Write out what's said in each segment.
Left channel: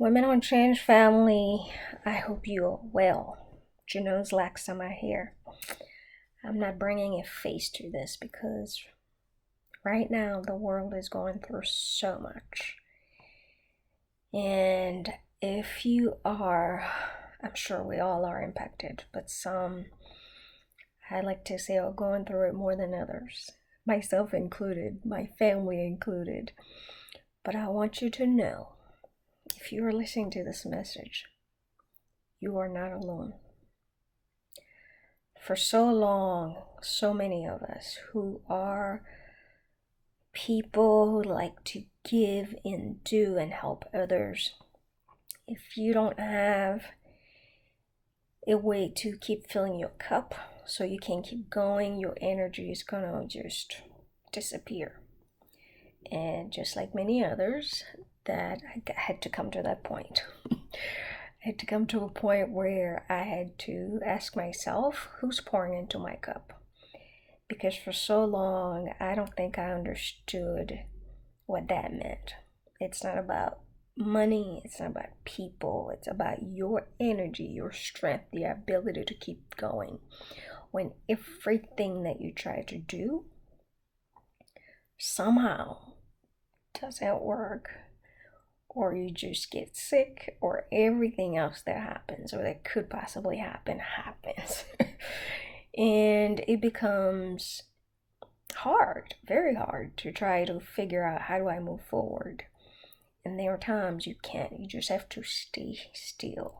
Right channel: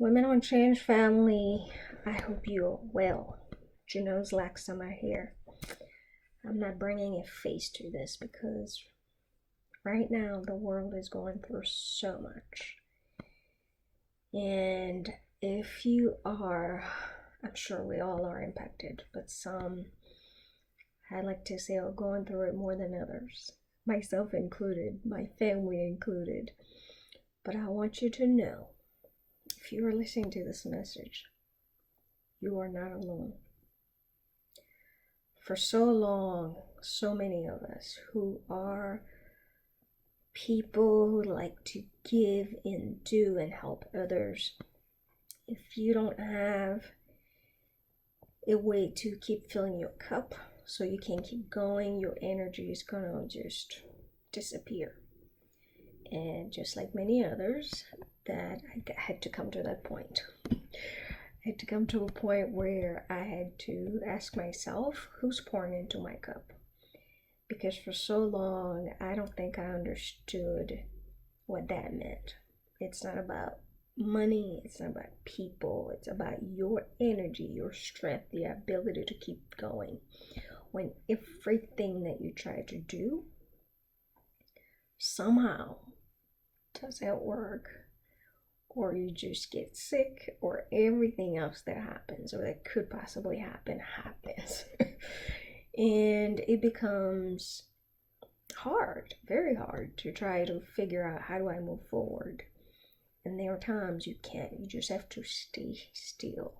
Women on Change family, I hope you are well. Jano's Lack Summer here. I'm not bringing a face to this because right now the world is going through so much. And if you are, I'm sure we all are impacted, but some, I like to say, are going through it more than others, myself included, my family included. But I want you to know, if you are listening to this message, you are not alone. For so long, so many of us who are people who like to give and do and help others, if you don't have a way to keep filling your cup so you can keep going, your energy is gonna just disappear. And just like many others, that I had to come to that point. I had to come to a point where I had to ask myself, who's pouring into my cup? Because for so long, I don't think I understood what that meant. It's not about money, it's not about people, it's about your energy, your strength, the ability to keep going. When everything that you try to do somehow doesn't work, or you just get sick, or everything else that happens or that could possibly happens. And it becomes hard, very hard to try to figure out, how do I move forward? And there are times you can't, you just have to stay still.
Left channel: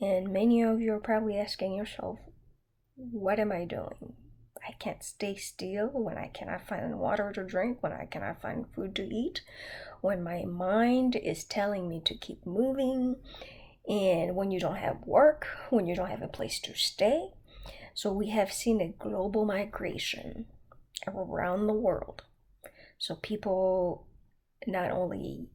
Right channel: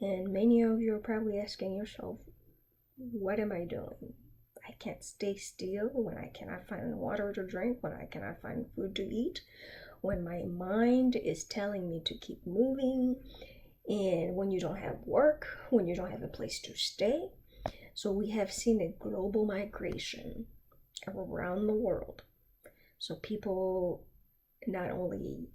And many of you are probably asking yourself, what am I doing? I can't stay still when I cannot find water to drink, when I cannot find food to eat, when my mind is telling me to keep moving, and when you don't have work, when you don't have a place to stay. So we have seen a global migration around the world. So people not only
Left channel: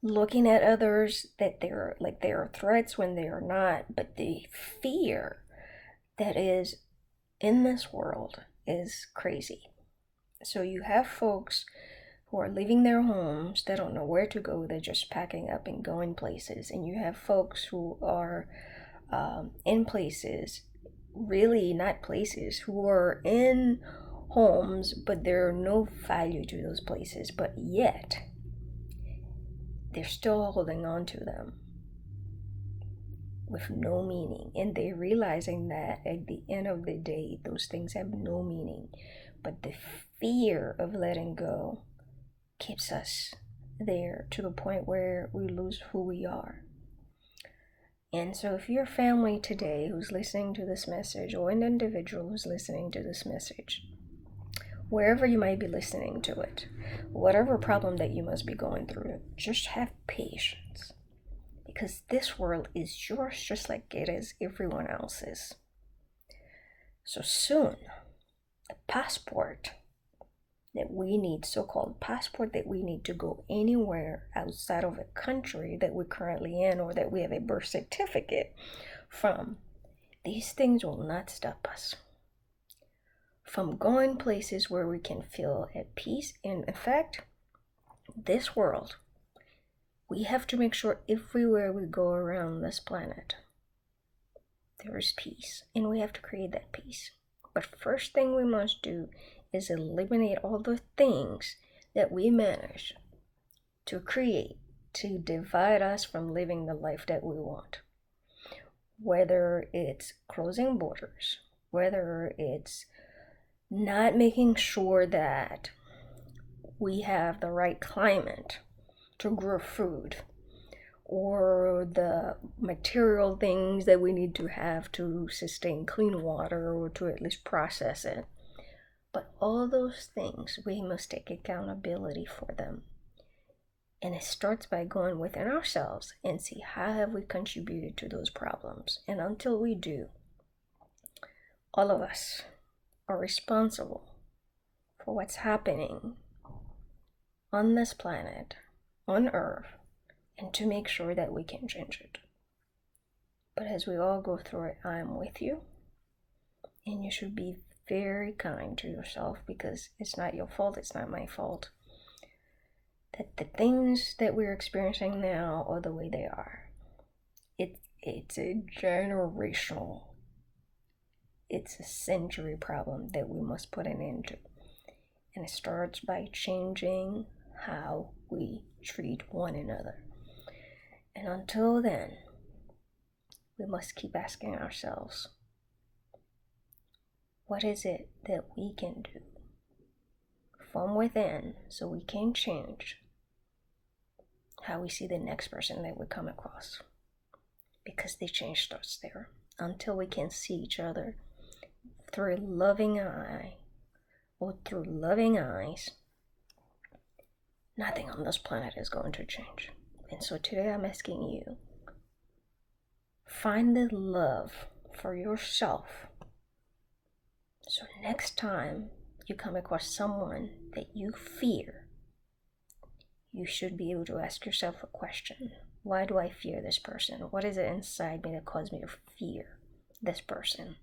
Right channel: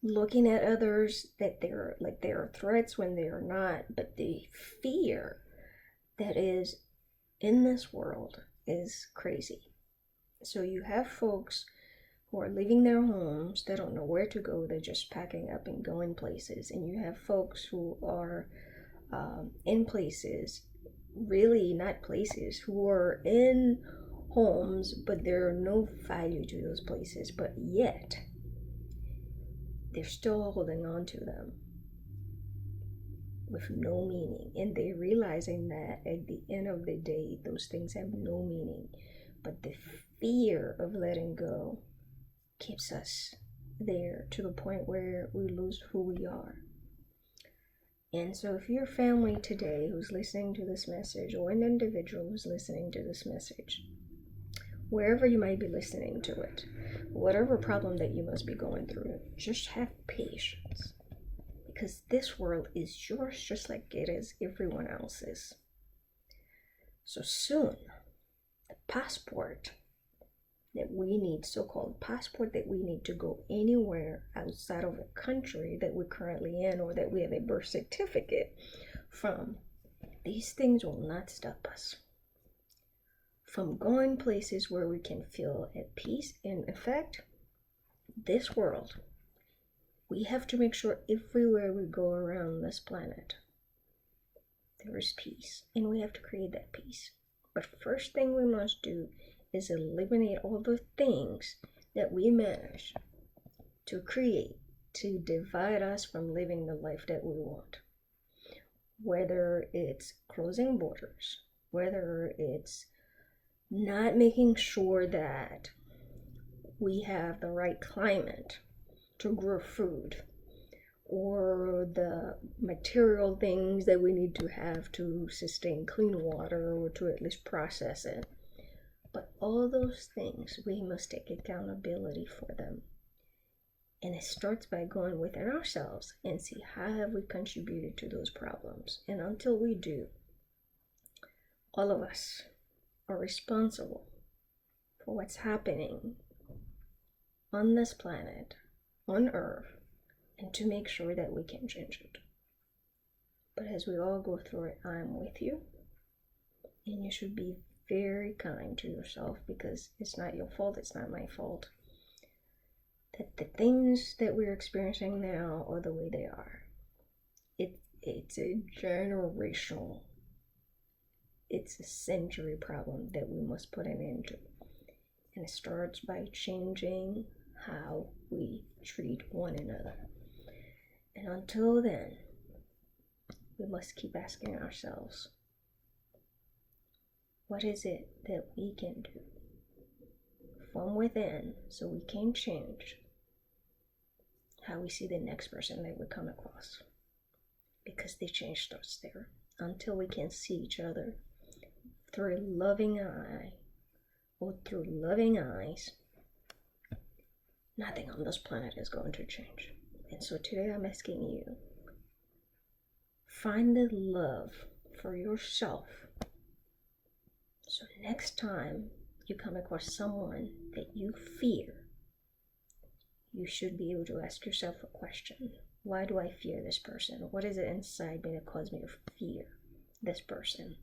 looking at others that they're like they are threats when they are not, but the fear that is in this world is crazy. So you have folks who are leaving their homes, they don't know where to go, they're just packing up and going places. And you have folks who are in places, really not places, who are in homes, but there are no value to those places, but yet they're still holding on to them with no meaning. And they're realizing that at the end of the day, those things have no meaning. But the fear of letting go keeps us there to the point where we lose who we are. And so if you're family today who's listening to this message, or an individual who's listening to this message, wherever you might be listening to it, whatever problem that you must be going through, just have patience. Because this world is yours just like it is everyone else's. So soon, the passport that we need, so-called passport that we need to go anywhere outside of a country that we're currently in, or that we have a birth certificate from, these things will not stop us from going places where we can feel at peace. And in fact, this world, we have to make sure everywhere we go around this planet, there is peace, and we have to create that peace. But first thing we must do is eliminate all the things that we manage to create to divide us from living the life that we want. Whether it's closing borders, whether it's not making sure that we have the right climate to grow food, or the material things that we need to have to sustain clean water, or to at least process it. But all those things, we must take accountability for them. And it starts by going within ourselves and see, how have we contributed to those problems? And until we do, all of us are responsible for what's happening on this planet, on Earth, and to make sure that we can change it. But as we all go through it, I'm with you. And you should be very kind to yourself, because it's not your fault, it's not my fault. that the things that we're experiencing now are the way they are. It's a generational, it's a century problem that we must put an end to. And it starts by changing how we treat one another. And until then, we must keep asking ourselves, what is it that we can do from within so we can change how we see the next person that we come across? Because the change starts there. Until we can see each other through a loving eye or through loving eyes, nothing on this planet is going to change. And so today I'm asking you, find the love for yourself. So next time you come across someone that you fear, you should be able to ask yourself a question. Why do I fear this person? What is it inside me that causes me to fear this person?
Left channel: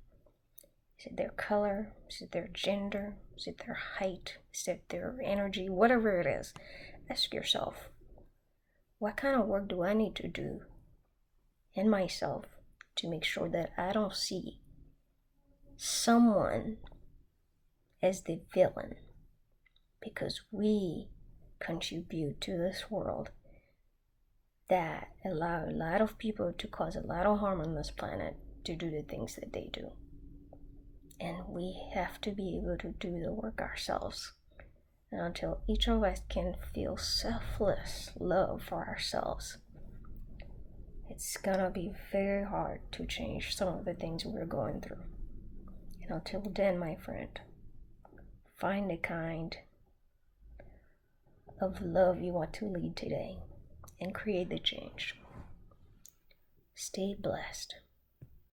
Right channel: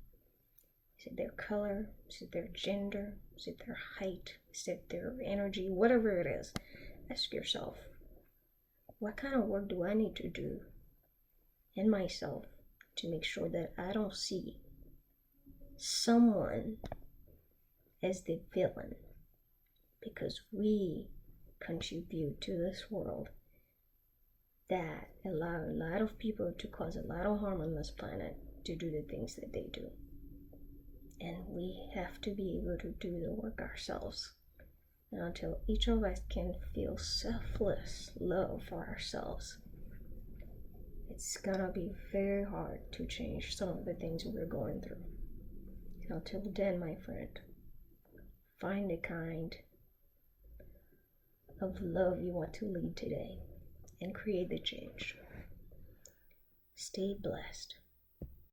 Is it their color? Is it their gender? Is it their height? Is it their energy? Whatever it is, ask yourself, what kind of work do I need to do in myself to make sure that I don't see someone as the villain? Because we contribute to this world that allow a lot of people to cause a lot of harm on this planet to do the things that they do. And we have to be able to do the work ourselves. And until each of us can feel selfless love for ourselves, it's gonna be very hard to change some of the things we're going through. And until then, my friend, find the kind of love you want to lead today and create the change. Stay blessed.